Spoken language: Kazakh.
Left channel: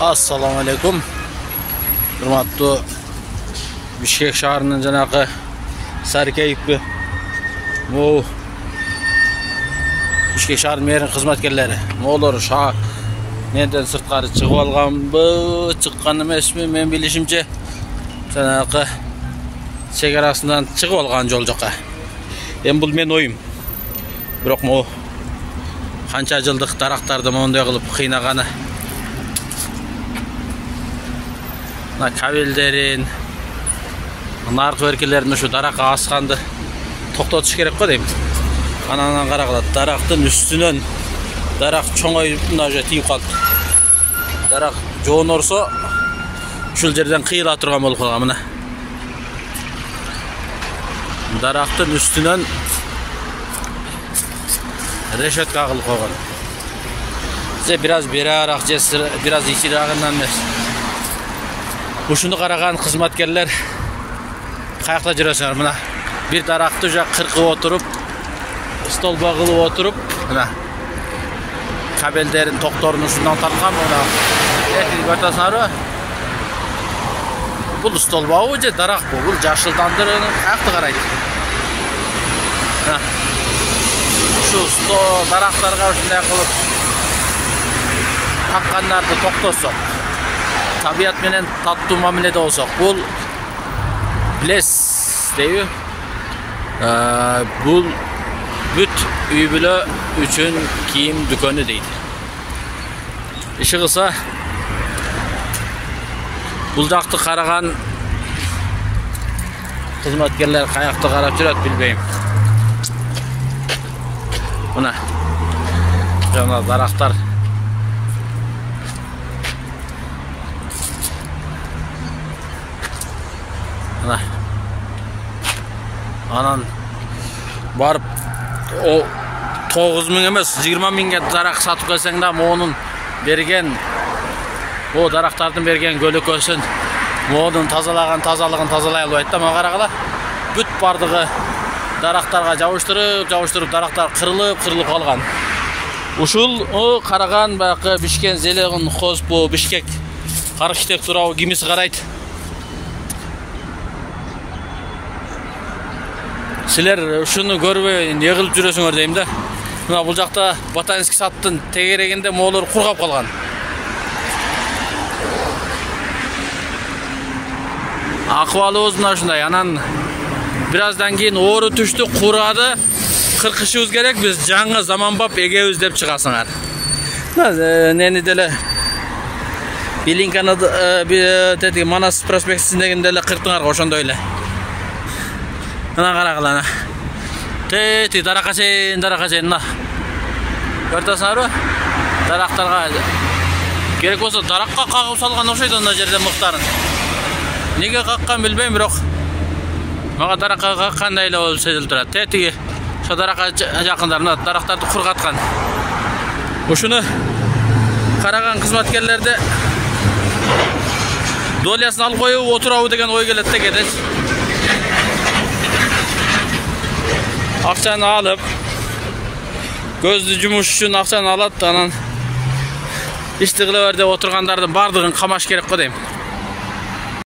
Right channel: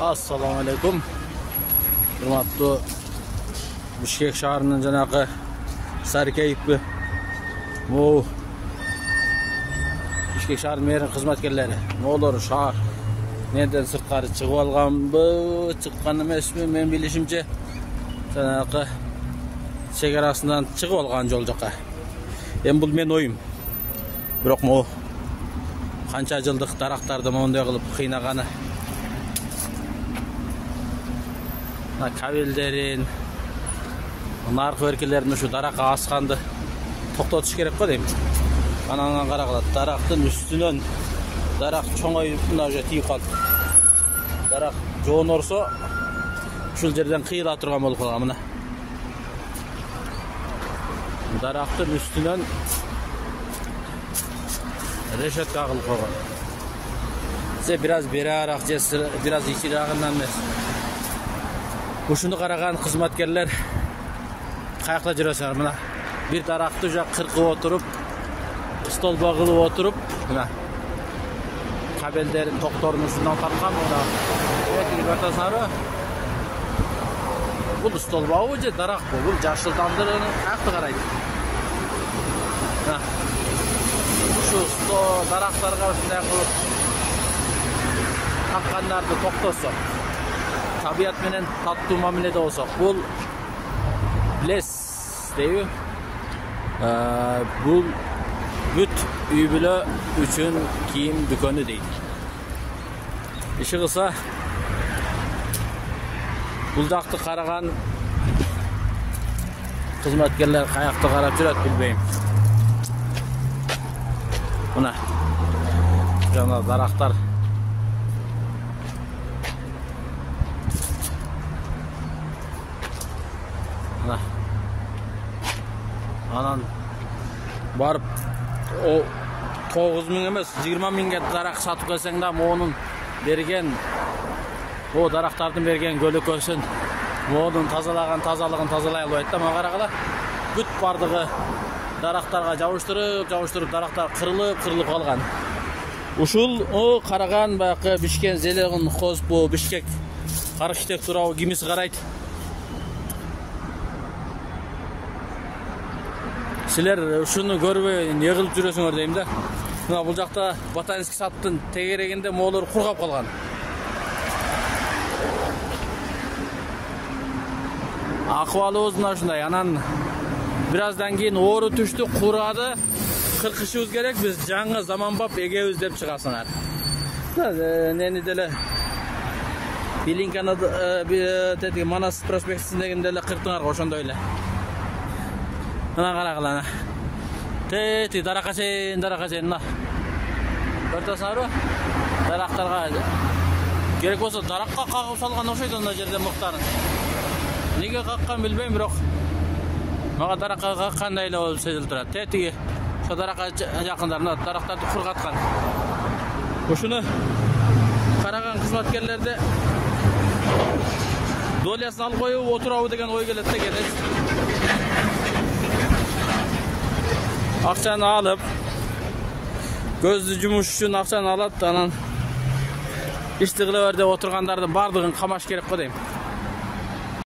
Assalamu alaikum. Hurmatlı Bishkek şaharının janaqı Sarkeyipki bu Bishkek şahar merinin xizmatkerleri. Mo'lar şahar neden sırtqari chiqib olganmi, chiqqan emasmi? Men bilishimcha janaqı chegarasidan chiqib olgan yo'l joqqa. Endi bu men oyim. Biroq mo qancha yillik daraxtlarni monday qilib qiynagani. Kabellerin, narx vergilerini şu daraqqa asqandı to'xtatish kerak qo deyman. Anadan qaraqlar, daraqtın üstünden daraq çoğayıp mınaja tiyip qaldı. Daraq jo'n ursa şul yerden qiyila turgan bo'lib qolgan mana. Daraqtın üstünden reshetka qilib qo'ygan. Size biraz berarak, biraz içirağından emas. Ушуну караган кызматкерлер каякта жүрөсүңөр мына. Бир даракты жа кыркып отуруп, стол багылып отуруп, мына кабелдерин токторун ушундан тарткан мына. Көрөсүңөрбү? Бул стол багы же дарак бу? Бул жашылдандырып каякта карайт. Мына. Ушу стол дарактарга ушундай кылып таккандарды токтосок. Tabiat menen tattуу мамиледе болсок, бул билес дейби. Бул бүт үй бүлө үчүн кийим дүкөнү дейди. Иши кылса, бул жакты караган кызматкерлер каякта карап жүрөт билбейм. Мына жана дарактар Anan barıp o 9.000 emas 20.000'ge darak satıp kelseң da onun bergen o daraktardын bergen kölökösүn onun тазалыгын тазалай албайт да. Мага карагыла бүт бардыгы дарактарга жабыштырып дарактар кырылып калган. Ушул о караган баягы Бишкек Зелегин Хозбу Бишкек архитектура кимиси карайт. Силер ушуну көрбөй эмне кылып жүрөсүңөр дейм да. Мына бул жакта ботанический садтын тегерегинде моолор кургап калган. Акыбалыбыз мына ушундай. Анан бираздан кийин оору түштү, курады. Кыркышыбыз керек, биз жаңы заманбап эгебиз деп чыгасыңар. Нени деле Билинканы тети Манас проспектисиндегинде эле кырктыңарга ошондой эле. Ana qaraqlana. Teti daraqasen na. Көрөсүңөрбү? Дарактарга керек болсо даракка кагып салган окшойт анда жерде мыктарын. Неге каккан билбейм, бирок мага даракка каккандай эле болуп сезилип турат. Тети ошо даракка жакындарына дарактарды кургаткан. Ушуну караган кызматкерлерде долясын алып коюп отурабы деген ой келет да кедес. Акчаны алып, көздү жумуш үчүн акчаны алат, анан ишти кыла бер деп отургандардын бардыгын камаш керек го дейм.